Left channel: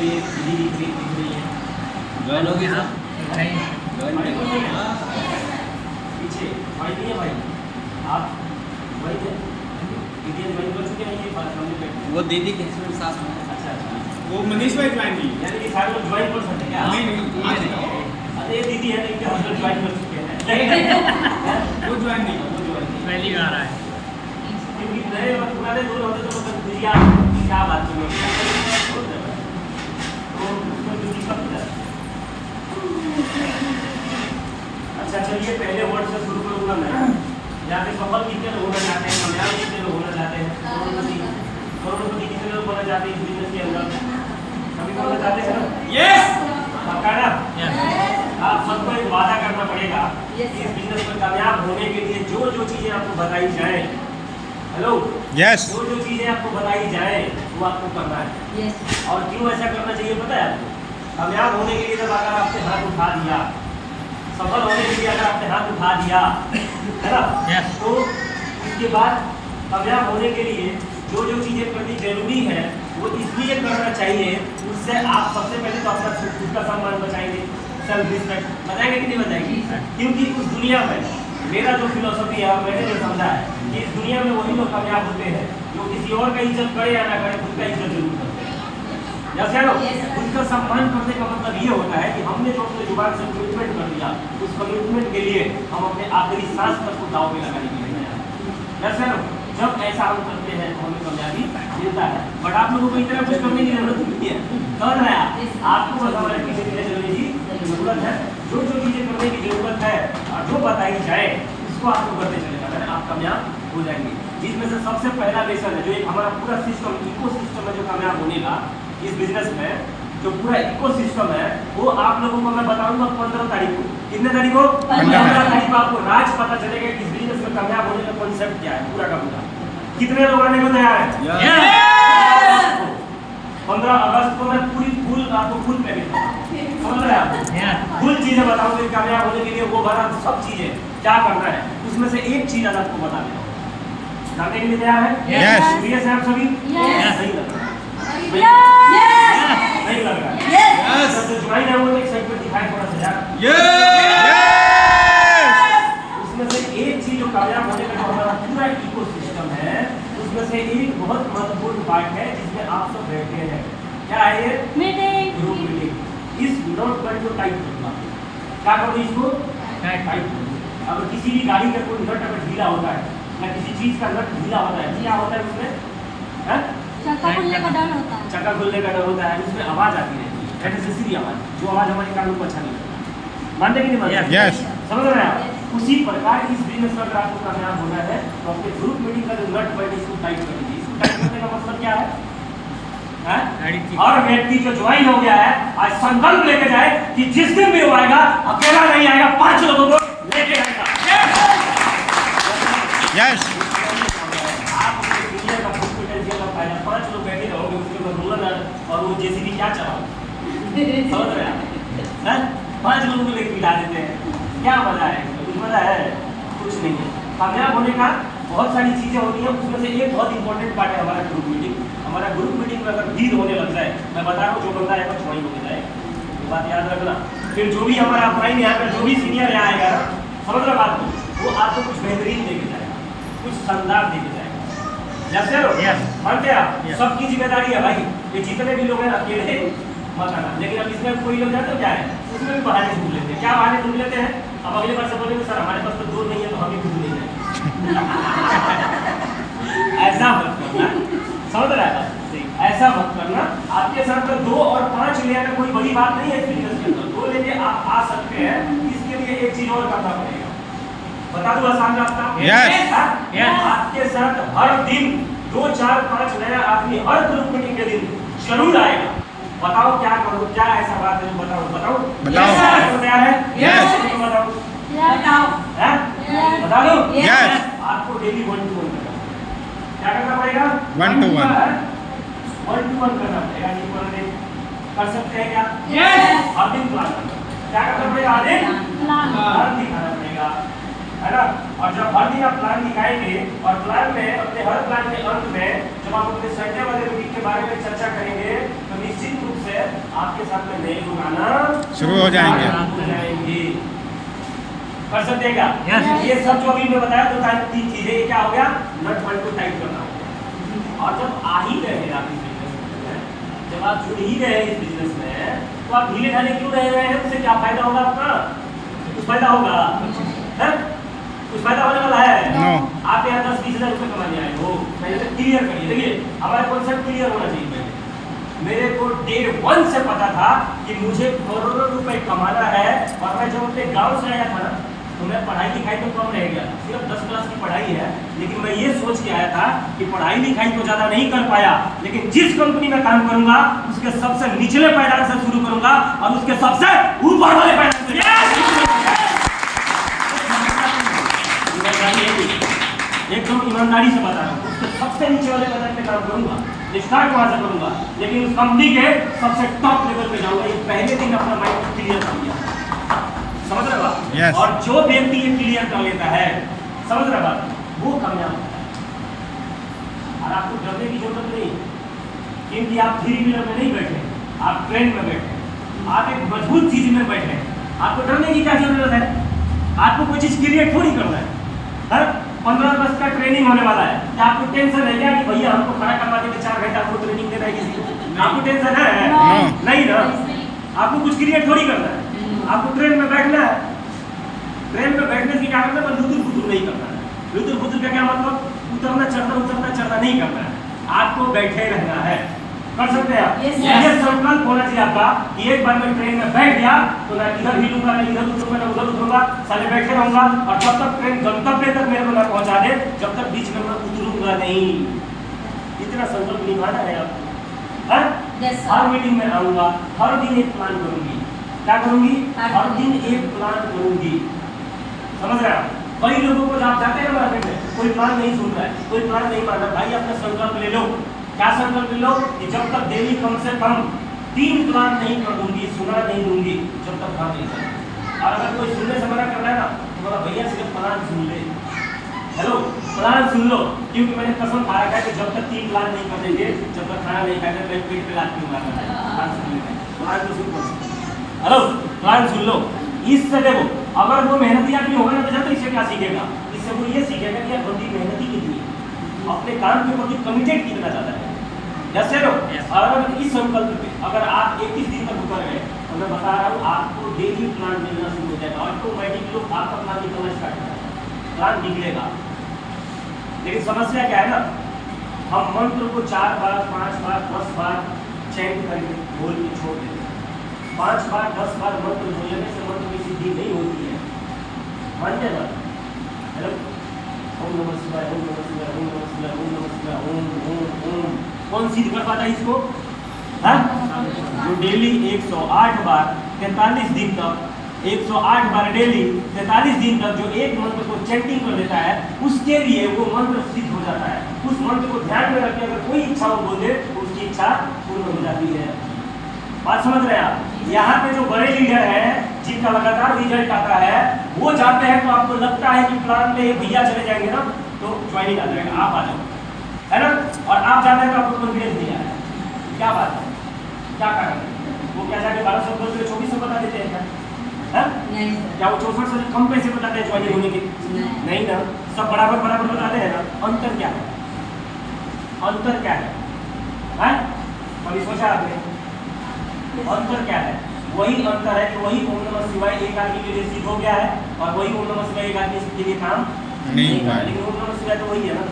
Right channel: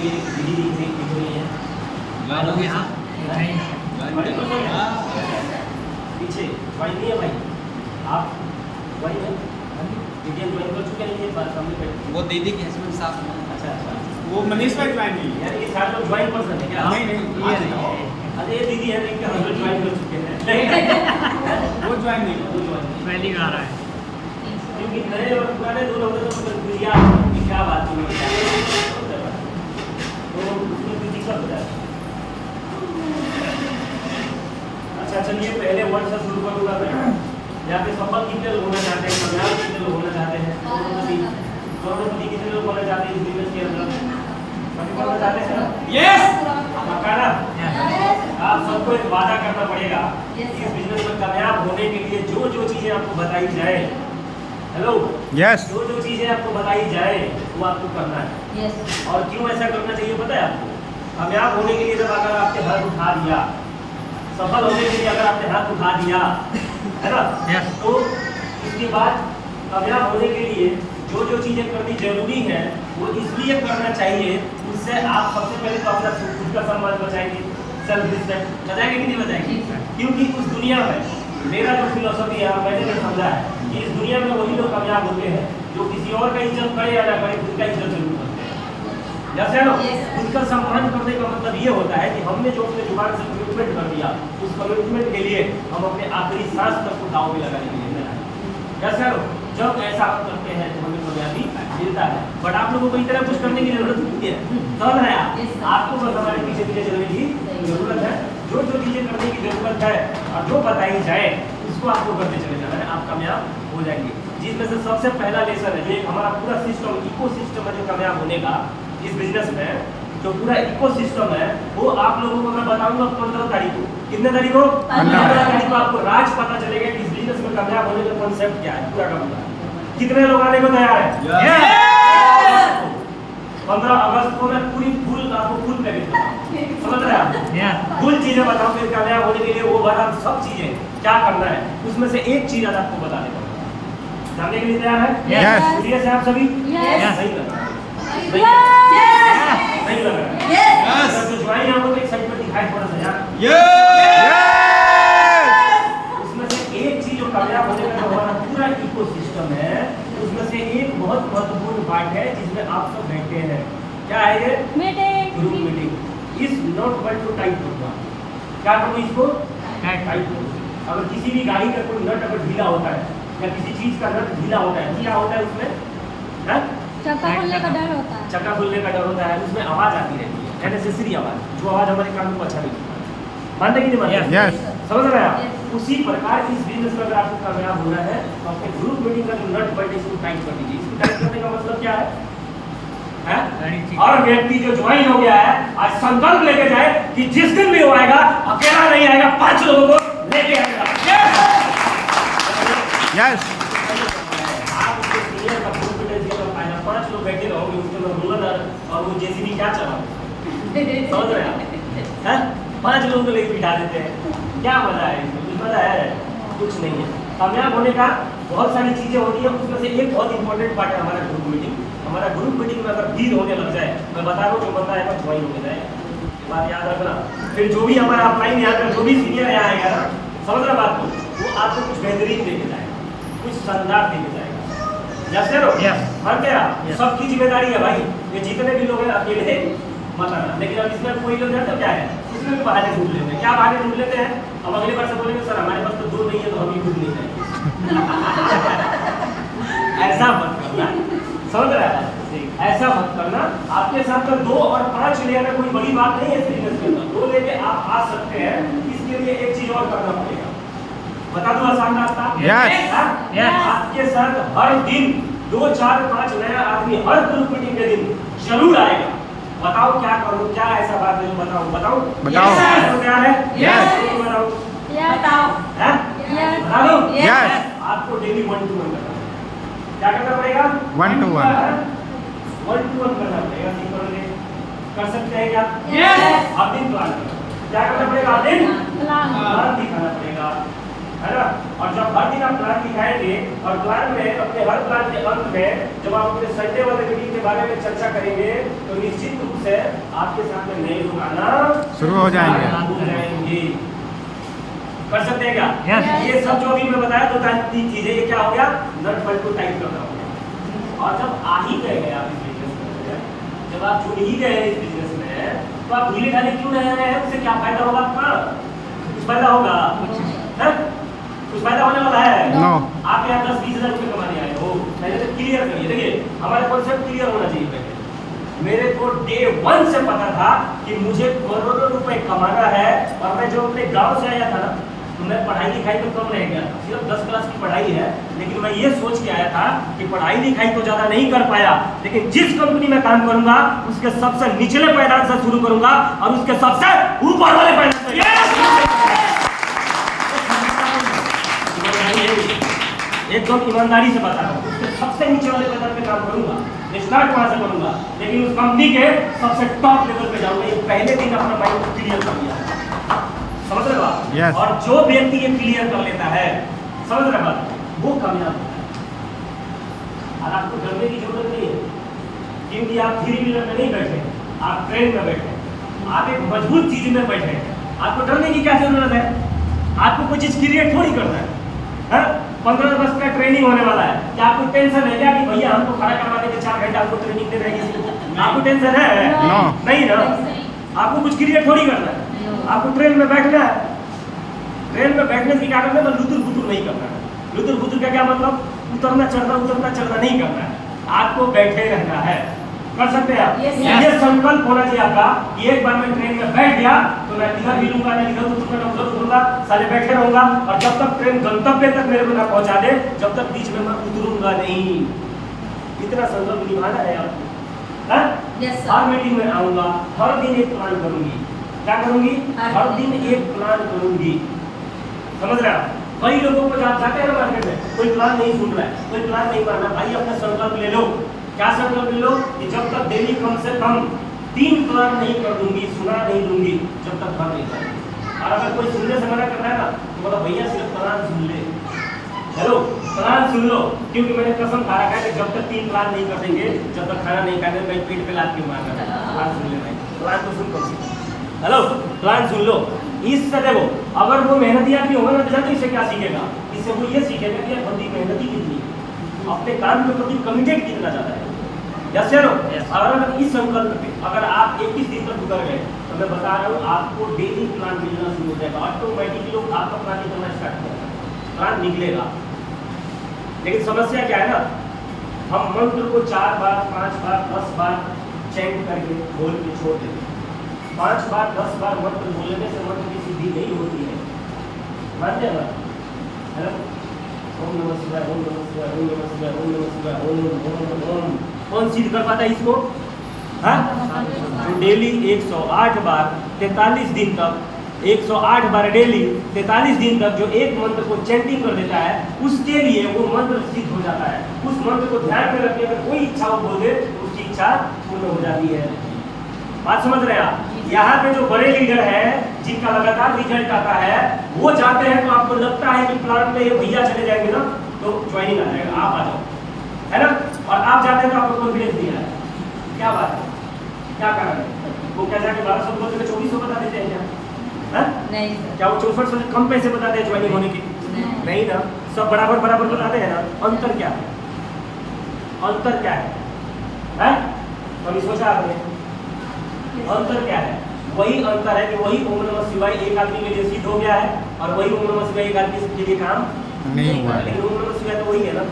ये वीडियो दिख रही है ज्वाइन हो गई सर ज्वाइन कर पीछे वाई नहीं है भाई आप वाई है वीडियो ज्वाइन कर चुके हैं ये बात कम्युनिकेट वो दीदी के हस्बैंड साथ में अच्छा अच्छा वो मनीष भाई ज्वाइन नहीं है यानी सारे लोग ज्वाइन पर्सन है क्या नहीं ये नहीं अरे ये दीदी है इनके हस्बैंड ज्वाइन कर चुके हैं वो ज्वाइन नहीं वो ज्वाइन पहली बार आया है। क्योंकि नए और पुराने दोनों होते तो मतलब दुनिया की क्या बात है तो उसमें किसी का पता है अच्छा चलिए पहले वर्ड से शुरू करूंगा मैं यहाँ पे सफल कितने लोग होना चाहते हैं कामयाब कितने लोग होना चाहते हैं करोड़पति कितने लोग होना चाहते हैं इस बिजनेस के अंदर सभी को होना चाहते हैं यस पक्का ना आप सबको एक वादा करना पड़ेगा कि इस बिजनेस में कामयाब होने के लिए जो जो चीजें आपको बताई जाए हेलो यस जो जो चीजें आपको बताई जाए वो आपको करना है और क्यों ऐसा करना चाहिए पता है आपको कामयाब होने के लिए जब अगर आपने हाथ उठा दिया सफल होने के लिए अगर आपने हाथ उठा दिया है ना तो इसके बाद कामयाब होने के लिए जो जो चीजें करनी जरूरी है वो इसलिए करना चाहिए उससे आप सबसे पहले तो अपना खुद का सम्मान बचाएंगे सेल्फ रिस्पेक्ट बचाएंगे कि नहीं बचाएंगे क्योंकि इस दुनिया में मेरा जो फिलोसफी है मैंने जो समझा है कि इस दुनिया में वही लोग कामयाब होते हैं जो किसी और का इज्जत करे या ना करे उनका इज्जत जरूर करते हैं जैसे उनका सम्मान करने का मतलब ये होता है कि हमने जो अपने जुबान से कमिटमेंट कर दिया उस कमिटमेंट के लिए हम अपने आखिरी सांस तक को दाव में लगाने के लिए तैयार जैसे जब ऐसा हम करते हैं तो हमें कामयाबी मिलता है बट आप लोगों को इतना कुछ करने की जरूरत नहीं है कौन है आपको बस हमारे पीछे पीछे चलने की जरूरत है जो जो चीजें करने की जरूरत है और जो बताई जाए उसको आपको करते चले जाना है आप कामयाब हो जाएंगे जिसमें से सबसे पहला लेसन है जो एक हमारा पूरा सिस्टम इको सिस्टम है जो कामयाब होने का इस बिजनेस में जो पूरा इको सिस्टम है वो आप लोगों को मैं बताऊंगा 15 तारीख को कितने तारीख को 15 तारीख को आपको राज पता चलेगा कि इस बिजनेस में कामयाब होने का कॉन्सेप्ट क्या है पूरा का पूरा कितने लोग आने को तैयार है 15 अगस्त को मैं पूरी फुल आपको फुल पैकेज समझ रहे हैं आप फुल चीजें बताऊंगा कामयाब होने के लिए वो बात सब चीजें क्या करना है उसमें से एक चीज आज आपको बता देगा जानने के लिए तैयार है सीरियस है आप सभी सही लग रहा है नहीं लग रहा है जो ज्वाइन है उनको एक साइड पर दिखाई थोड़ा सा यार उसमें से एक चीज जो कामयाब होने का हमारा पूरा इकोसिस्टम है उसमें से एक बहुत महत्वपूर्ण पार्ट है जिसमें आप सब बैठे हैं क्या है ये ग्रुप मीटिंग इस नोट पर को टाइप करूंगा क्या करूँ इसको टाइप करूँ अगर किसी भी गाड़ी का कोई नट अगर ढीला होता है या किसी चीज का नट ढीला होता है क्या होता है उसमें चक्का खुलने का डर होता है चक्का खुलने का डर होता है उसमें आवाज आती रहती है अननेसेसरी आवाज जो आवाज हमारे कानून को अच्छा नहीं लगता मानते कि नहीं मानते यस समझ रहे हैं आप उसी प्रकार इस बिजनेस में अगर आपको कामयाब होना है तो अपने ग्रुप मीटिंग का जो नट बल्ट इसको टाइट कर दीजिए इसको टाइट करने का मतलब क्या है हर व्यक्ति जो ज्वाइन हो गया है आज संकल्प लेके जाए कि जिस दिन भी वो आएगा अकेला नहीं आएगा 5 लोगों को लेके आएगा यस और वो जेसीबी क्या चला समझ रहे हैं 5 लोगों को लेकर बिठा देते हैं क्या मजा है कुछ मजा है कुछ नहीं है कामयाब होने का बहुत सारी चीजें होती है उसमें से एक बहुत इंपॉर्टेंट पार्ट है हमारा ग्रुप मीटिंग में अगर भीड़ होने लग जाए मैं बता रहा हूँ जो बंदा एक बार ज्वाइन हो जाए बात याद रखना फिर जो भी हमारा अपलाइन यहाँ पर जो भी सीनियर यहाँ आएगा ना समझ रहा बात को वो आपको कुछ बेहतरीन देके जाएगा कुछ शानदार देके जाएगा जैसे बनते आप सबकी जिम्मेदारी है भाई ये जितने भी लोग हैं अकेले मत आना लेकिन अब इसमें कोई लोग जाते क्या है उसमें भी बहाने ढूंढ लेते हैं क्या बहाने ढूंढ लेते हैं अब अगली बार से बोलेंगे सर हमारे पास तो 2 नहीं है तो हम ही ढूंढ नहीं जाएंगे ऐसा मत करना समझ रहे हैं ऐसा मत करना आपके साथ तो 2 और 5 ले आना कोई बड़ी बात नहीं है बिजनेस के अंदर 2 लेके आप आ सकते हैं इसके लिए एक चीज और करना पड़ेगा बता दूं आसान रास्ता आपके साथ हर दिन 2 4 5 नया आदमी हर ग्रुप मीटिंग के दिन जरूर आएगा बताओ क्या करूं क्या ऐसा बात है बताओ बताओ क्या है यस बताओ बताओ बता दो यस आपको डेली 1 to 1 क्या करना पड़ेगा 1 to 1 करना पड़ेगा कर सकते हैं क्या हर दिन प्लान क्या करना पड़ेगा हर दिन प्लान दिखाना पड़ेगा है ना और जब हर दिन आप प्लान दिखाएंगे और प्लान में अपने हर प्लान के अंत में जब आप अपने संडे वाले मीटिंग के बारे में चर्चा करेंगे तो निश्चित रूप से आपके साथ में नए लोग आना शुरू हो जाएंगे। कर सकते हैं क्या? Yes. ये सब जो अभी मैं बताया दो तीन चीजें, ये क्या हो गया? नट बल्ट को टाइट करना हो गया। और जब आ ही गए हैं आप इस बिजनेस में, जब आप जुड़ ही गए हैं इस बिजनेस में, तो आप ढीले ढाले क्यों रह रहे हैं? उससे क्या फायदा होगा आपका? कुछ फायदा होगा? कुछ फायदा होने वाला है? No. आप यहाँ 10-20 हज़ार रुपये कमाने आए हो, पहले तो क्लियर करिए। देखिए हमारे कॉन्सेप्ट क्लियर होना चाहिए पहले। मेरे को डे 1 से पता था कि मुझे करोड़ों रुपए कमाना है। और मैं जब अपने गांव से आया था ना, तो मैं पढ़ाई लिखाई में कम रह गया, सिर्फ 10 क्लास की पढ़ाई है। लेकिन मैं ये सोच के आया था कि पढ़ाई लिखाई तो ज़्यादा नहीं कर पाया, लेकिन जिस कंपनी में काम करूंगा उसके सबसे निचले पायदान से शुरू करूंगा और उसके सबसे ऊपर वाले पायदान से। एकदम ईमानदारी से बता रहा हूँ, सबसे नीचे वाले पायदान पे काम करूंगा, स्टार्ट कहाँ से करूंगा, लेकिन उस कंपनी के सबसे टॉप लेवल पे जाऊंगा। ये पहले दिन अपना माइंड क्लियर कर लिया, समझ रहे हो आप? Yes. और जो व्यक्ति ये क्लियर कर लेता है, समझ रहे हो, वो कामयाब होता है। और आपको डरने की जरूरत नहीं है, क्योंकि आप थ्री व्हीलर में नहीं बैठे, आप ट्रेन में बैठे, आप एक मजबूत चीज में बैठे। आपको डरने की क्या जरूरत है? आपको कोई चीज क्लियर थोड़ी करना है। 15 वर्ष का ट्रेनिंग होने वाला है, क्या आपको टेंशन है क्या कि भैया हमको खड़ा करवा देंगे 4 घंटे आपको ट्रेनिंग दे रहे हैं? आपको टेंशन है? No. नहीं ना। आपको कुछ क्रिएट थोड़ी करना है, आपको ट्रेन में बैठना है। ट्रेन में बैठने से क्या करना है? लुतुर फुतुर नहीं करना है। लुतुर फुतुर का क्या मतलब? उतरना चढ़ना नहीं करना है, आपको बैठे रहना है। कर सकते हैं आप? ये संकल्प होना चाहिए आपका कि एक बार मैं ट्रेन में बैठ गया तो मैं इधर हिलूंगा नहीं, इधर उतरूंगा ना उधर उतरूंगा, साले बैठे रहूंगा। और जब तक ट्रेन गंतव्य तक मेरे को ना पहुंचा दे, जब तक बीच में मैं उतरूंगा नहीं। इतना संकल्प निभाना है आप। हर मीटिंग में आऊंगा, हर दिन एक प्लान करूंगी। क्या करूंगी? हर दिन एक प्लान करूंगी। समझ रहे हैं? कई लोगों को आप जाते हैं मार्केट में, कोई प्लान नहीं सुन रहा है, कोई प्लान नहीं मानना। भाई अपना संकल्प ले लो। क्या संकल्प ले लो? कि जब तक डेली कम से कम 3 प्लान नहीं कर दूंगी, सुना नहीं दूंगी, जब तक घर नहीं जाए। और अगर कोई सुनने से मना कर रहा है ना, तो बोला भैया सिर्फ प्लान सुन ले। हेलो, प्लान सुन लो, क्योंकि मैंने कसम खा रखा है कि जब तक 3 प्लान नहीं कर देंगे, जब तक खाना नहीं खाते, मैं पेट पे लात क्यों मारना है? प्लान सुन ले, प्लान तो सुन लो। हेलो, प्लान सुन लो। इससे देखो, अगर वो मेहनती आदमी होगा ना, तो इससे क्या सीखेगा? इससे वो ये सीखेगा कि यार बंदी मेहनती कितनी है, अपने काम के प्रति कमिटेड कितना ज़्यादा है। जैसे अगर इस संकल्प पे अगर आप 21 दिन तक उतर गए, तो मैं बता रहा हूँ आपको डेली प्लान मिलना शुरू हो जाएगा। ऑटोमेटिकली लोग आपका प्लान निकलना स्टार्ट करेगा, प्लान निकलेगा। लेकिन समस्या क्या है ना, हम मंत्र को 4 बार 5 बार 10 बार चैंट करके बोल के छोड़ देते। 5 बार 10 बार मंत्र बोलने से मंत्र की सिद्धि नहीं होती है, मानते हैं? हेलो, ओम नमः शिवाय, ओम नमः शिवाय, ओम नमः शिवाय, ओम नमः शिवाय, ओम ओम ओम। कौन सिद्ध कर पाता है इसको? जो डेली 108 बार 43 दिन तक, 108 बार डेली 43 दिन तक जो एक मंत्र को चैंटिंग कर लेता है, उसके लिए वो मंत्र सिद्ध हो जाता है। उस मंत्र को ध्यान में रखकर अगर कोई इच्छा वो बोल दे, तो उसकी इच्छा पूर्ण हो जाती है। बात समझ रहे हैं आप? यहाँ पे जो बड़े लीडर हैं, जिनका लगातार रिजल्ट आता है, वो जाते हैं तो आपको लगता है कि प्लान में भैया चले जाएंगे ना, तो ज्वाइनिंग आ जाएगा, आप आ जाओ, है ना? और आप जाते हैं तो आपको कॉन्फिडेंस नहीं आया। क्या बात है? क्या कारण है? वो क्या जाके 1200 बोलते हुए 2400 बता देते हैं क्या? नहीं, क्या वो 64 से कम पैसे बताते हैं ज्वाइनिंग होने के? नहीं ना, सब बराबर बराबर बताते हैं ना। अंतर क्या है? अंतर क्या है? कभी सोचा आपने? अंतर क्या है? वही अंतर है कि वही ओम नमः शिवाय एक आदमी के लिए सिद्ध हो गया है, और वही ओम नमः शिवाय एक आदमी के लिए काम नहीं हुआ है। लेकिन ओम नमः शिवाय तो वही है ना,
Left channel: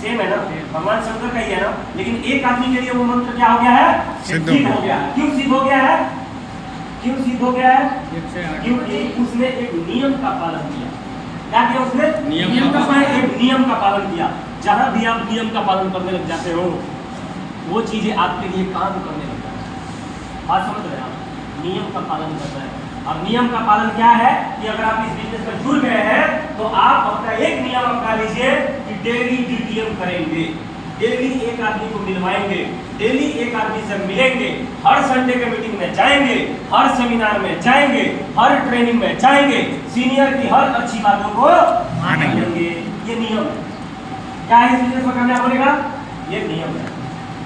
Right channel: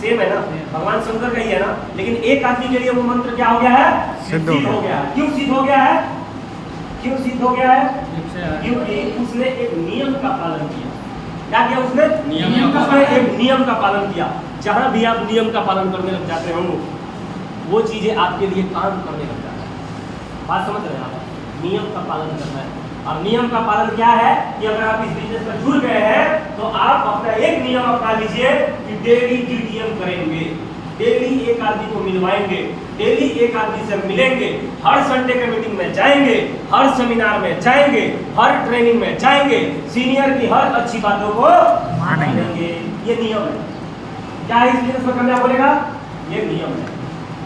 सेम है ना, भगवान शंकर का ही है ना। लेकिन एक आदमी के लिए वो मंत्र क्या हो गया है? सिद्ध हो गया है। क्यों सिद्ध हो गया है? क्यों सिद्ध हो गया है? क्योंकि उसने एक नियम का पालन किया। क्या किया उसने? एक नियम का पालन किया। जहां भी आप नियम का पालन करने लग जाते हो, वो चीजें आपके लिए काम करने लग जाता है। बात समझ रहे हैं आप? नियम का पालन करना है। और नियम का पालन क्या है कि अगर आप इस बिजनेस में जुड़ गए हैं, तो आप अपना एक नियम अपना लीजिए कि डेली डीटीएम करेंगे, डेली एक आदमी को मिलवाएंगे, डेली एक आदमी से मिलेंगे, हर संडे के मीटिंग में जाएंगे, हर सेमिनार में जाएंगे, हर ट्रेनिंग में जाएंगे, सीनियर की हर अच्छी बातों को मानेंगे। ये नियम है। क्या इस बिजनेस में करना बोलेगा? ये नियम है।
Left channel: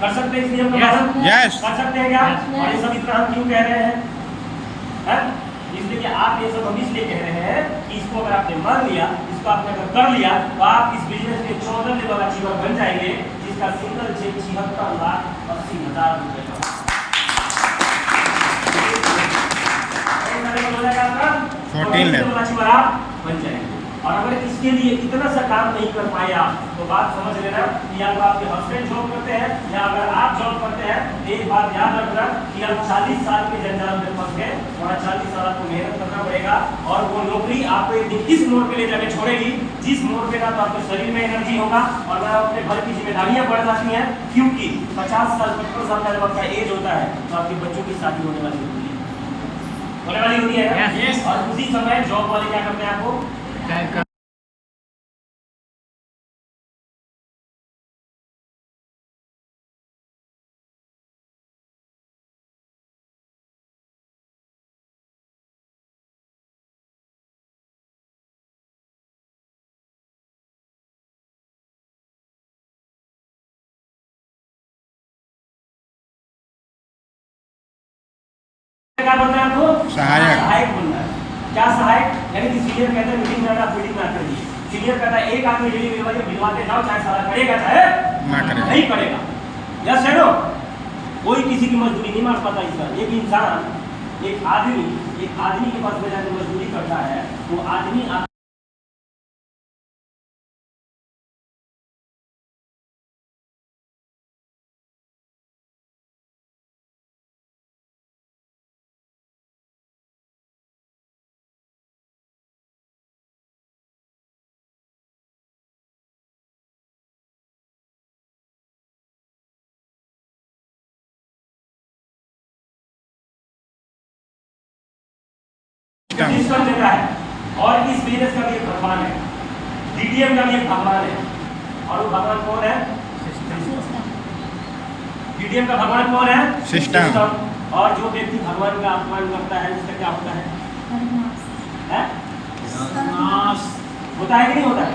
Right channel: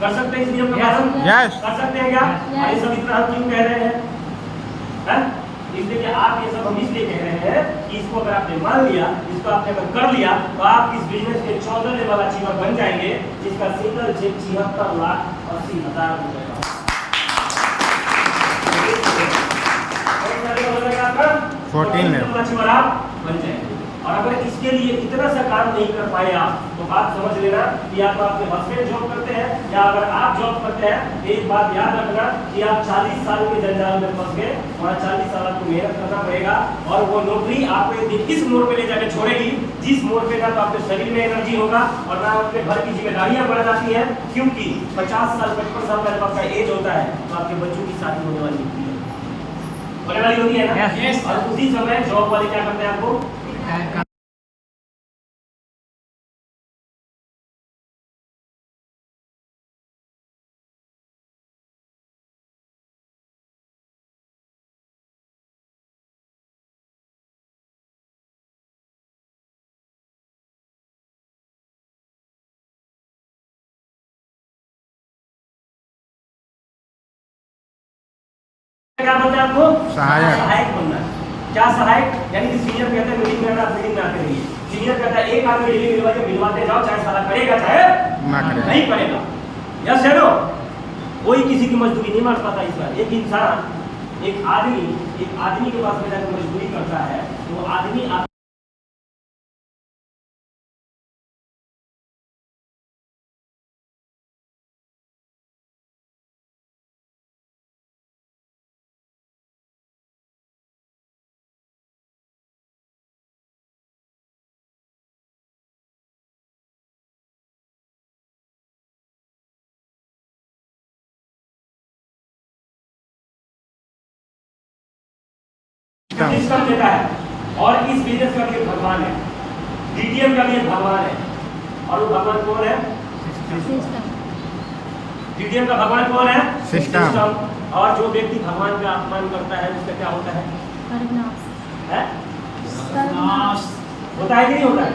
कर सकते हैं इस नियम का पालन? Yes. कर सकते हैं क्या? Yes. और ये सब इतना हम क्यों कह रहे हैं? हैं? इसलिए कि आप ये सब हम इसलिए कह रहे हैं कि इसको अगर आपने मान लिया, इसको आपने अगर कर लिया, तो आप इस बिजनेस के 14 लेवल अचीवर बन जाएंगे, जिसका सिंगल चेक 76,80,000 रुपए का। कौन सा लेवल हो जाएगा आपका? 14 लेवल अचीवर आप बन जाएंगे। और अगर इसके लिए इतना सा काम नहीं कर पाए आप, तो बात समझ लेना कि या तो आपके हस्बैंड जॉब करते हैं या अगर आप जॉब करते हैं, एक बात याद रखना कि आप 40 साल के जंजाल में फंस गए और 40 साल आपको मेहनत करना पड़ेगा। और वो नौकरी आपको एक दिन इस मोड़ पे ले जाके छोड़ेगी, जिस मोड़ पे ना तो आपके शरीर में एनर्जी होगा और ना अपने घर की जिम्मेदारियां बढ़ जाती हैं, क्योंकि 50 साल 55 साल का जब आपका एज होता है तो आपके बच्चों की शादी होने वाली होती है ना। Yes. और उसी समय जॉब वाले क्या करते हैं आपको क्या बनना है आपको? सहायक बनना है। क्या सहायक? यानी कि सीनियर कहता है मीटिंग में आना, आप मीटिंग में आते रहिए। सीनियर कहता है एक आदमी डेली मिलवाते जाओ, चाहे साला करेगा चाहे ना करेगा। नहीं करेगा। यस है नो? कोई किसी की मजदूरी नहीं मार पाता इस बार। एक इंसान एक आदमी के पास में जाकर मजदूरी करता है, तो आदमी सिस्टम देता है। और इस बिजनेस का भी एक भगवान है, डीटीएम का भी एक भगवान है। और वो भगवान कौन है? सिस्टम। डीटीएम का भगवान कौन है? सिस्टम। और जो व्यक्ति भगवान का अपमान करता है उसका क्या होता है? सर्वनाश। है? नाश। होता है कि नहीं होता है?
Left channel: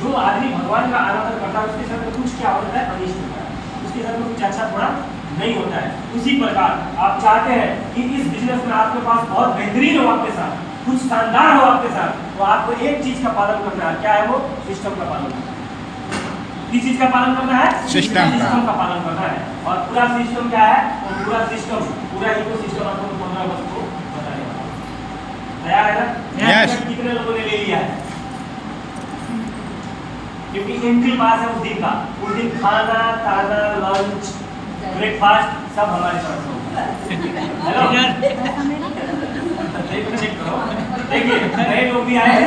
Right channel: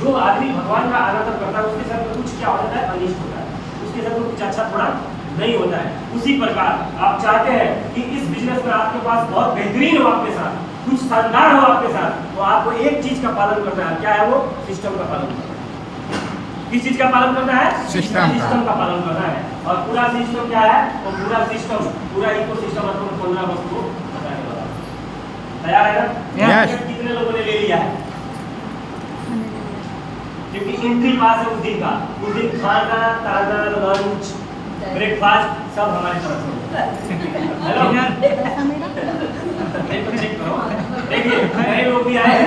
जो आदमी भगवान का आराधन करता है उसके साथ तो कुछ क्या होता है? अनिष्ट होता है, उसके साथ तो कुछ अच्छा थोड़ा नहीं होता है। उसी प्रकार आप चाहते हैं कि इस बिजनेस में आपके पास बहुत बेहतरीन हो, आपके साथ कुछ शानदार हो आपके साथ, तो आपको एक चीज का पालन करना है। क्या है वो? सिस्टम का पालन करना है। किस चीज का पालन करना है? सिस्टम का पालन करना है। और पूरा सिस्टम क्या है? और पूरा सिस्टम, पूरा इकोसिस्टम आपको 15 अगस्त को बताने वाला है। तैयार है ना? Yes. कितने लोगों ने ले लिया है? क्योंकि एंट्री पास है उस दिन का। उस दिन खाना, ताना, लंच, ब्रेकफास्ट सब हमारी तरफ से होता है। हेलो, ऐसा मेरे चेक करो। देखिए नए लोग भी आए हैं,